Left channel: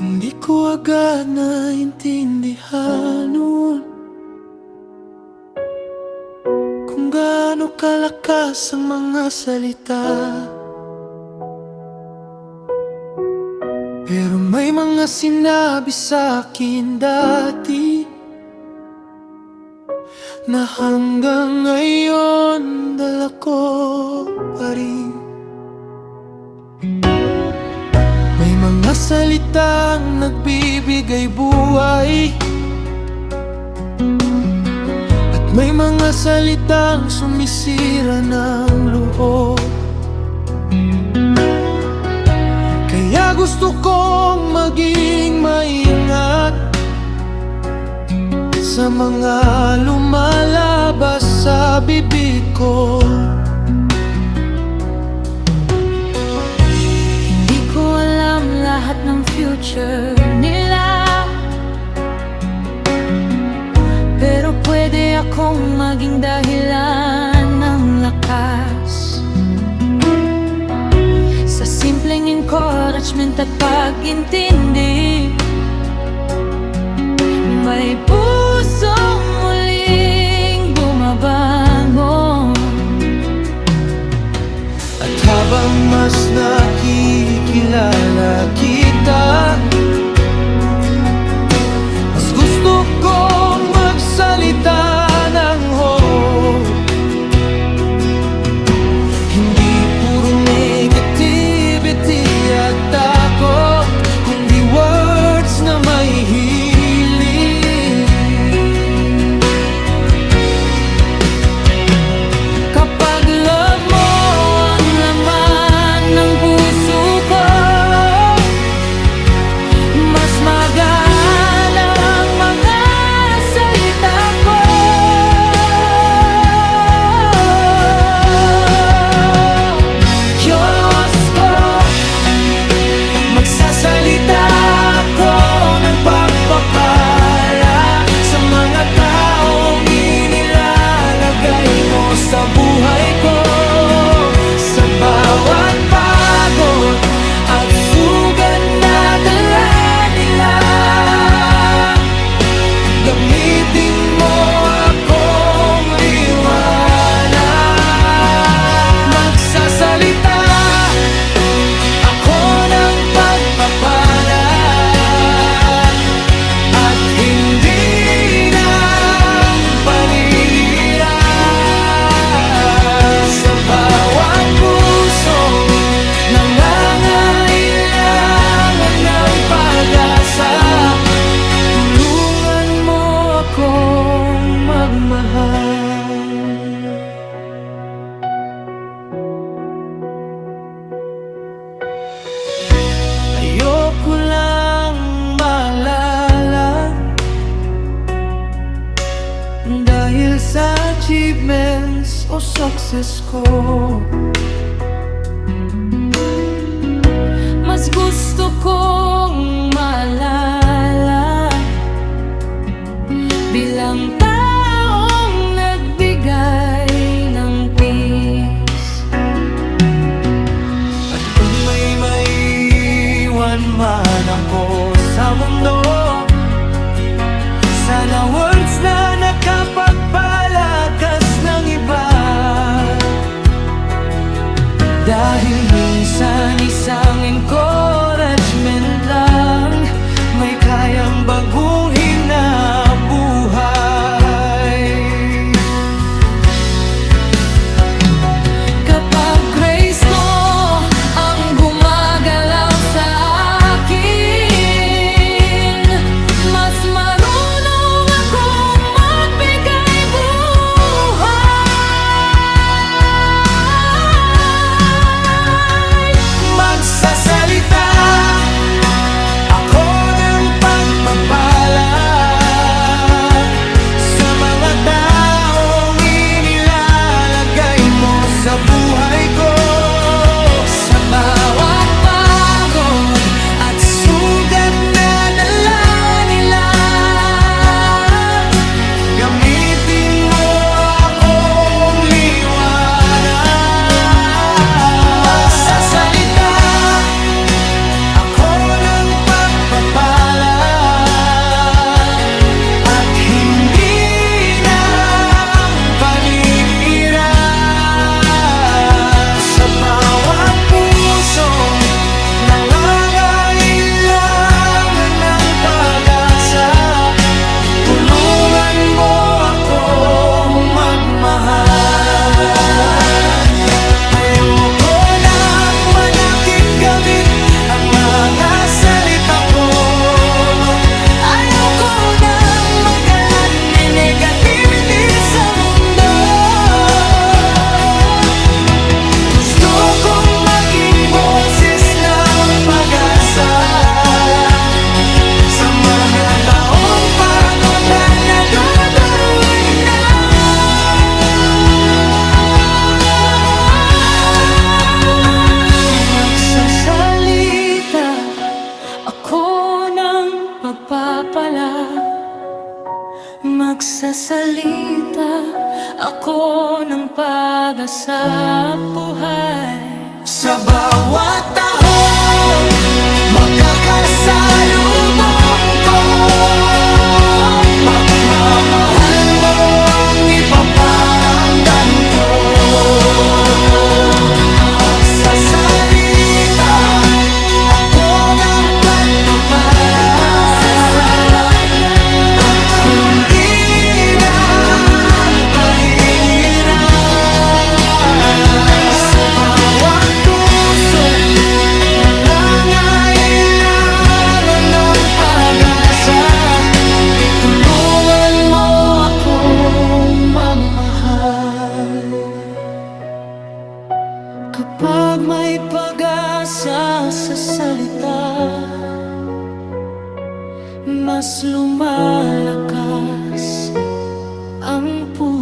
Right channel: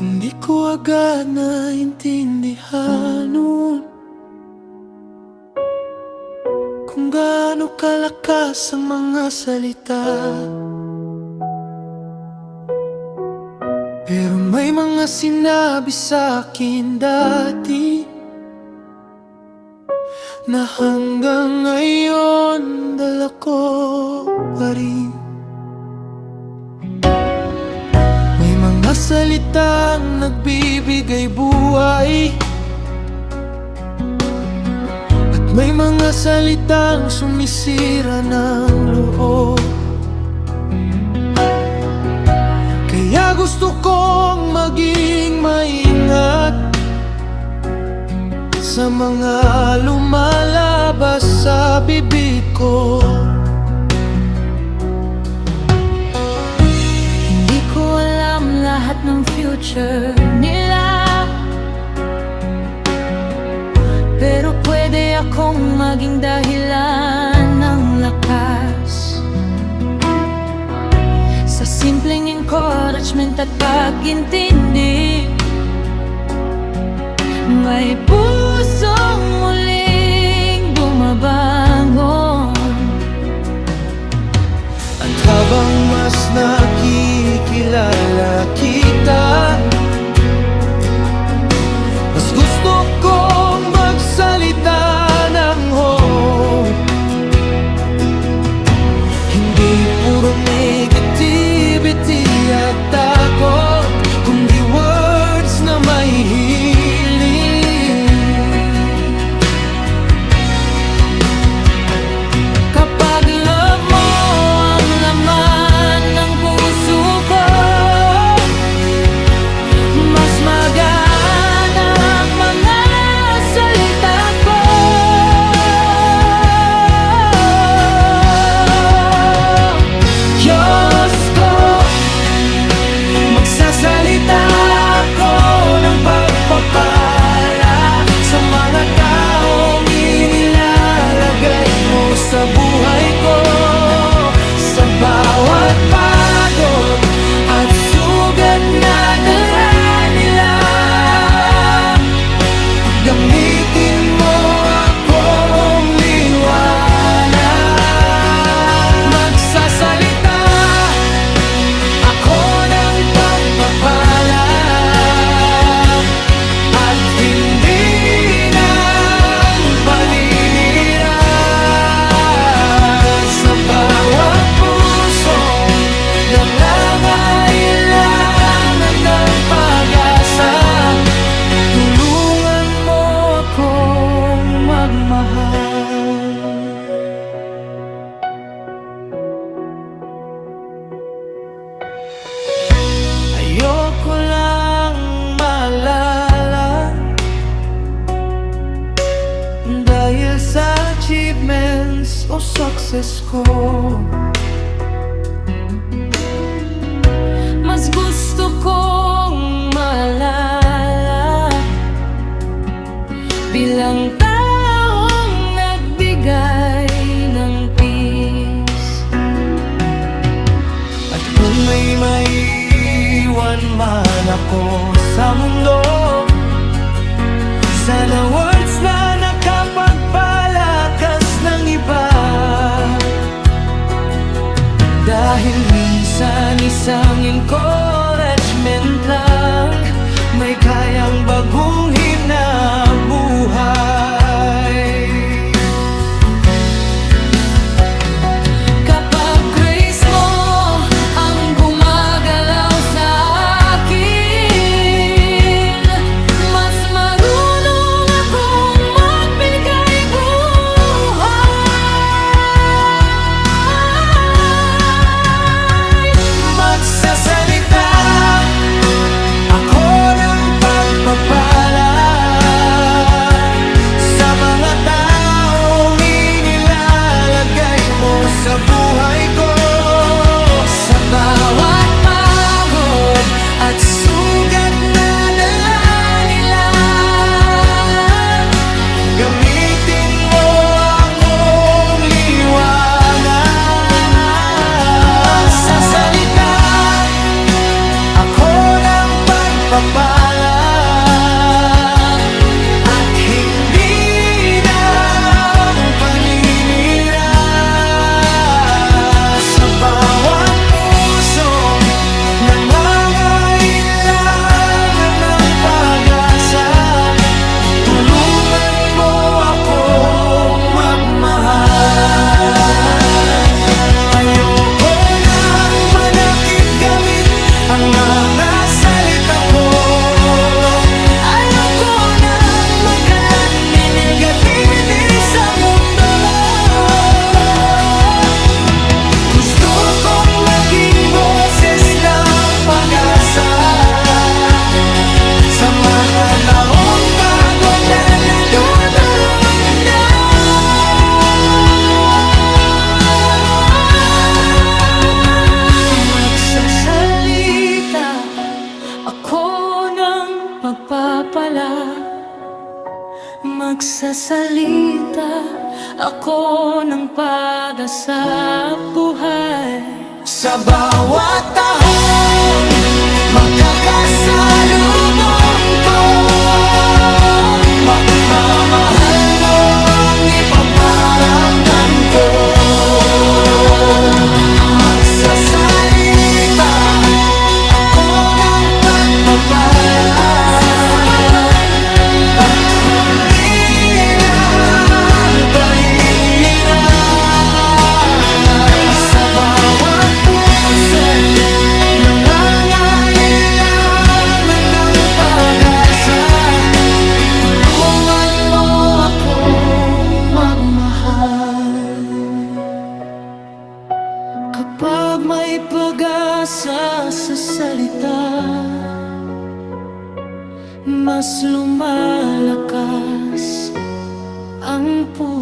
Hindi ko agad naintindihan noon kung gaano kalakas ang mga salita. Pero may mga sinabi sa akin dati na hanggang ngayon dala ko pa rin. May mga salitang nagbibigay buhay, at may mga salitang sumisira ng loob. Kaya gusto kong maging maingat sa mga lumalabas sa bibig ko. Hindi ko alam lahat ng future nila, pero pwede akong maging dahilan ng lakas. Sa simpleng encouragement at pag-intindi, may pusong muling bumabangon. At habang mas nakikilala kita, mas gusto kong magsalita ng hope. Hindi puro negativity at takot, kundi words na may healing. Kapag love mo ang laman ng puso ko, mas magana ang mga salita ko. Diyos ko, magsasalita ako ng pagpapala sa mga taong inilalagay mo sa buhay ko. Sa bawat pagod at sugat na dala nila, gamitin mo akong liwanag. Magsasalita ako ng pagpapala at hindi ng paninira sa bawat puso nangangailangan ng pag-asa. Tulungan mo akong magmahal. Ayoko lang maalala dahil sa achievements o success ko. Mas gusto kong maalala bilang taong nagbigay ng peace. At kung may maiwan man ako sa mundo, sana words na nakapagpalakas ng iba. Dahil minsan isang encouragement lang may kayang baguhin na buhay. Kapag grace mo ang gumagalaw sa akin, mas marunong akong magbigay buhay. Magsasalita ako ng pagpapala pagpapala at hindi ng paninira. Sa bawat pusong nangangailangan ng pag-asa, tulungan mo akong magmahal. Ayoko nang manakit gamit ang mga salita ko. Ayoko nang magkalat ni negativity sa mundo. Gusto kong maging boses ng pag-asa sa mga taong pagod na naduduwag na. Magsasalita ako ng pagpapala. Magsasalita ako ng pag-asa buhay. Sa bawat tahong makakasalubong ko, pagmamahal mo ang ipaparamdam ko. Magsasalita ako ng pagpapala at hindi ng pahingiran. Sa bawat pusong nangangailangan ng pag-asa, tulungan mo akong magmahal. Kapag may pag-asa sa salita, mas lumalakas ang puso.